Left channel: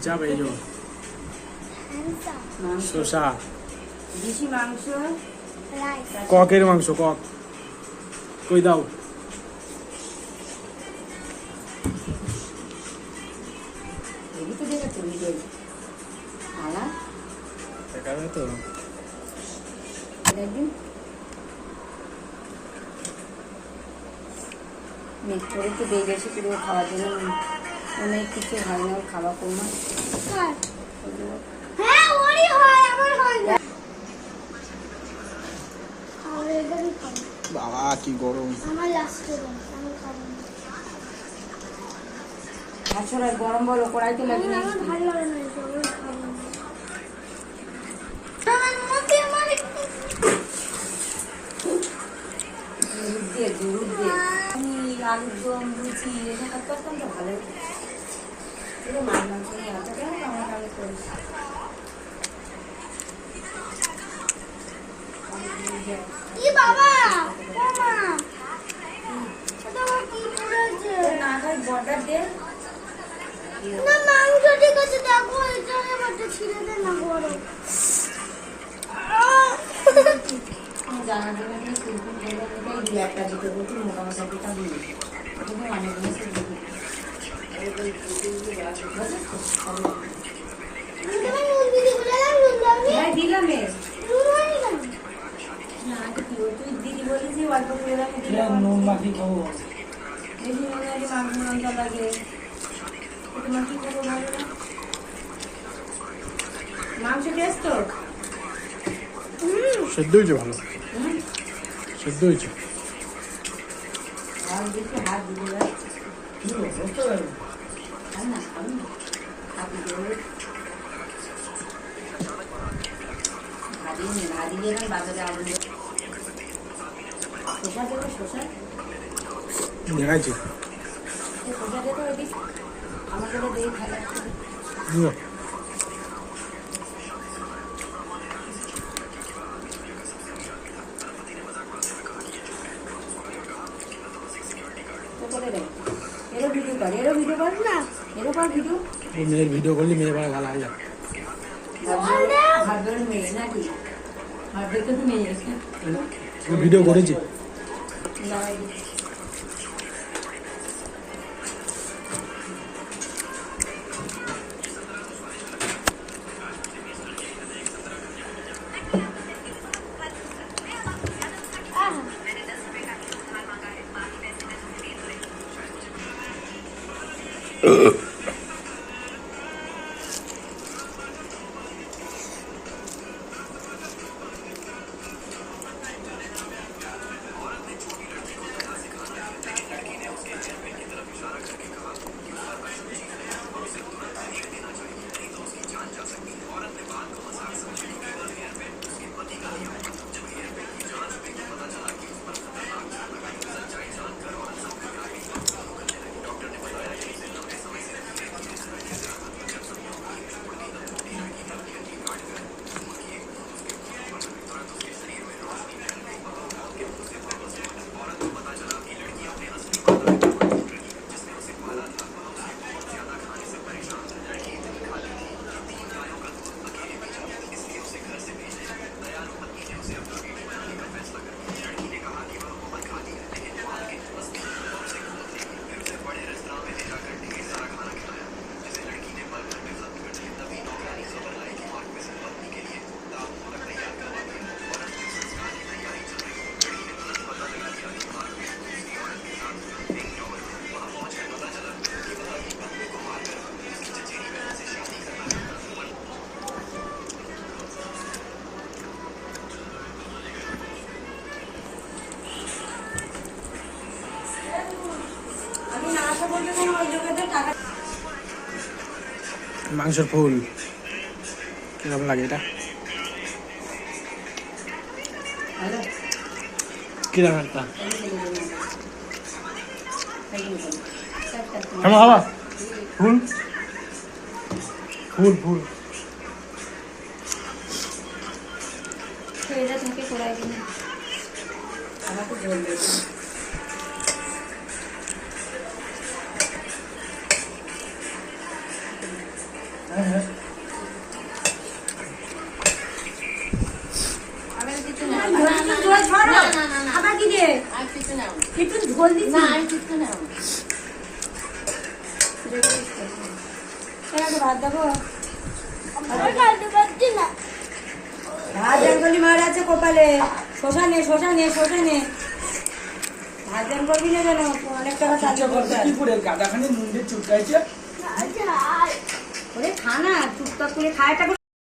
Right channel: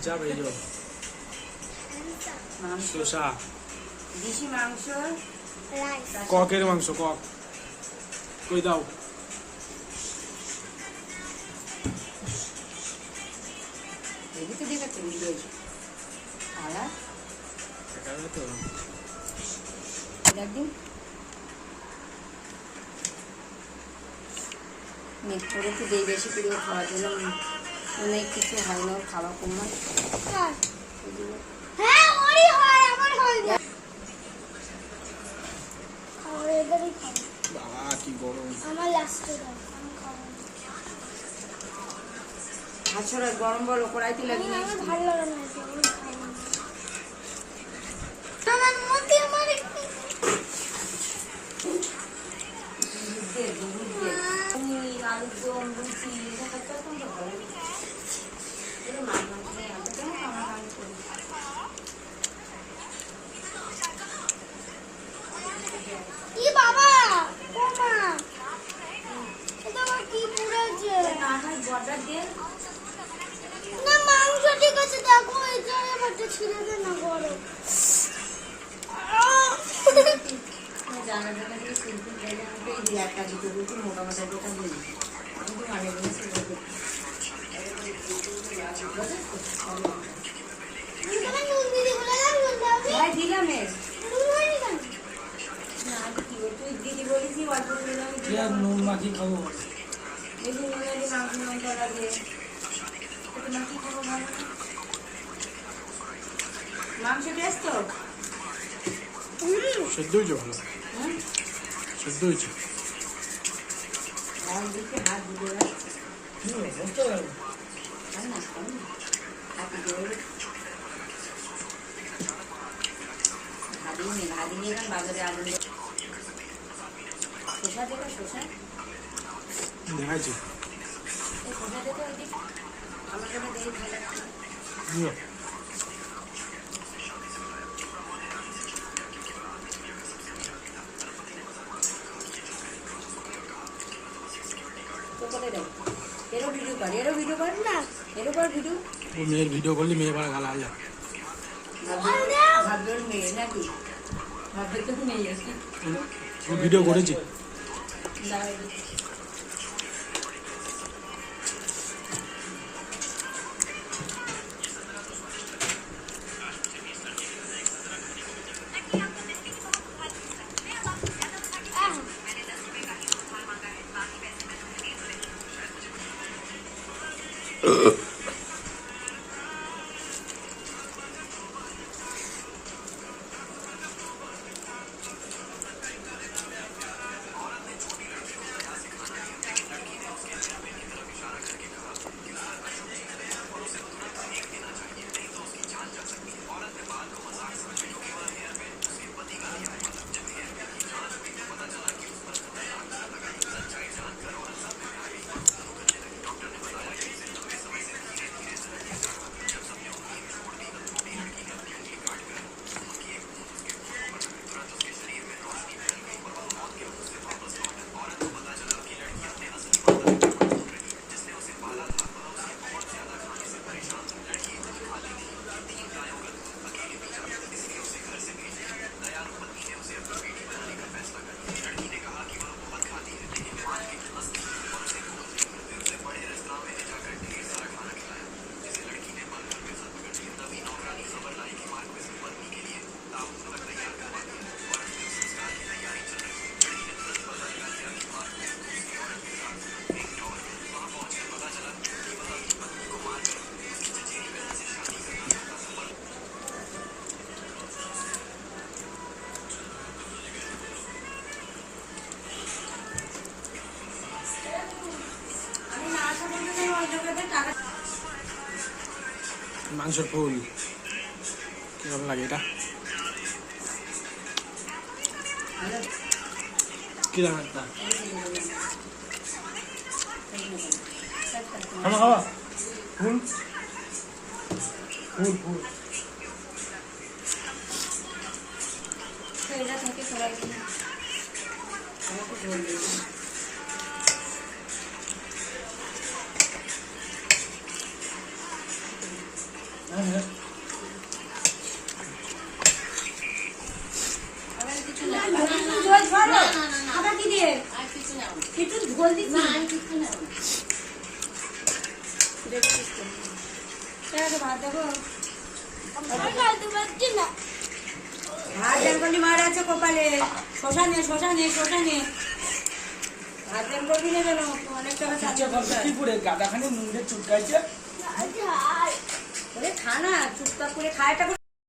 চাপ এই যে শসা দেশি মাংস ককের মাংস কক কই দাও এদিকে দেখে চলে গেছে আলা দেখাবে তো একদিন মেট্রোতে তো দিয়ে গেছে পুরো খাওয়ার জন্য অনেক কিছু হয় না খাওয়া কম হয় হ্যাঁ ওরই হয় আমার হয় না আমার এবারই খাবো বাবা কি গরম আমার লাস্টে দাও আমার খাবো না আসলে গরম বলো কড়াইতে লাগিয়ে আমার ভালো লাগে না এটা আমার খাবো না আমার মধ্যে আমার দুধ দিয়ে আলুর দম লুচি এসব করতাম তো ভালো এটা মাছ মাংস নিয়ে আনতে পারে আমার আমি করি কি বাবা ও মা এটা আমার কি পড়েছে না খাই বর্ডার দিয়ে না মাংস ঠিক আছে দেখো এটা আমারটা ছিঁড়ে দে না গরম জানা দেবে না সিম্পল বলে এই একটা দুটো রুটি মোটামুটি দুটো দিই কিন্তু মানে জিনিস তুমি নুন দিদি বলে দাও নুন দাও ভাই দিলাম এ নুন হয়নি কেন না তুই দিদি বলিস অল্প করে দাও নুন মাখি খাবো বেশি নুন লাগে মাংস মাংস লাগে তোমার কি খাবো ভালো না মাংস টেস্ট তো সেদ্ধ হয়েছে ভালো সেদ্ধ হয়েছে আর দেখে হাত দিলে না না আপনি ভাবিয়ে না বাজারে আগুন শসা দেবে শসা দেখাইছি শসা দেবে ওই দিক আমার সাথে দেখে ভালো লাগছে এরও ভিডিও কর না এরও কর ভিডিও ও মেয়ের ভিডিও করলে মেয়ে বলে গালা আল্লাহ ভাববেন মেয়ে নাকি ভাববে তো মেয়ে ও ভিডিও করেছি মাংসের ফুল কিরকম লাগে এটা কিরকম একটা খাবো খাবো ফুল ফুল ফুল এটা থেকে করাই দিন আমাকে বলবে একটু ঝোল দিচ্ছি না আমি কিছু না ভাত দেবো আর খাইতে পারছি না। ভাত বেঙ্গলি মার আছে কপালে শশা নে ভাত বেঙ্গলি নে যেন অনেক টাকা সাহায্য করতে কি করে গাদাখানি মুন্ডে চুটকাইছে আচ্ছা ওরে খা না চুপচাপ করে খায়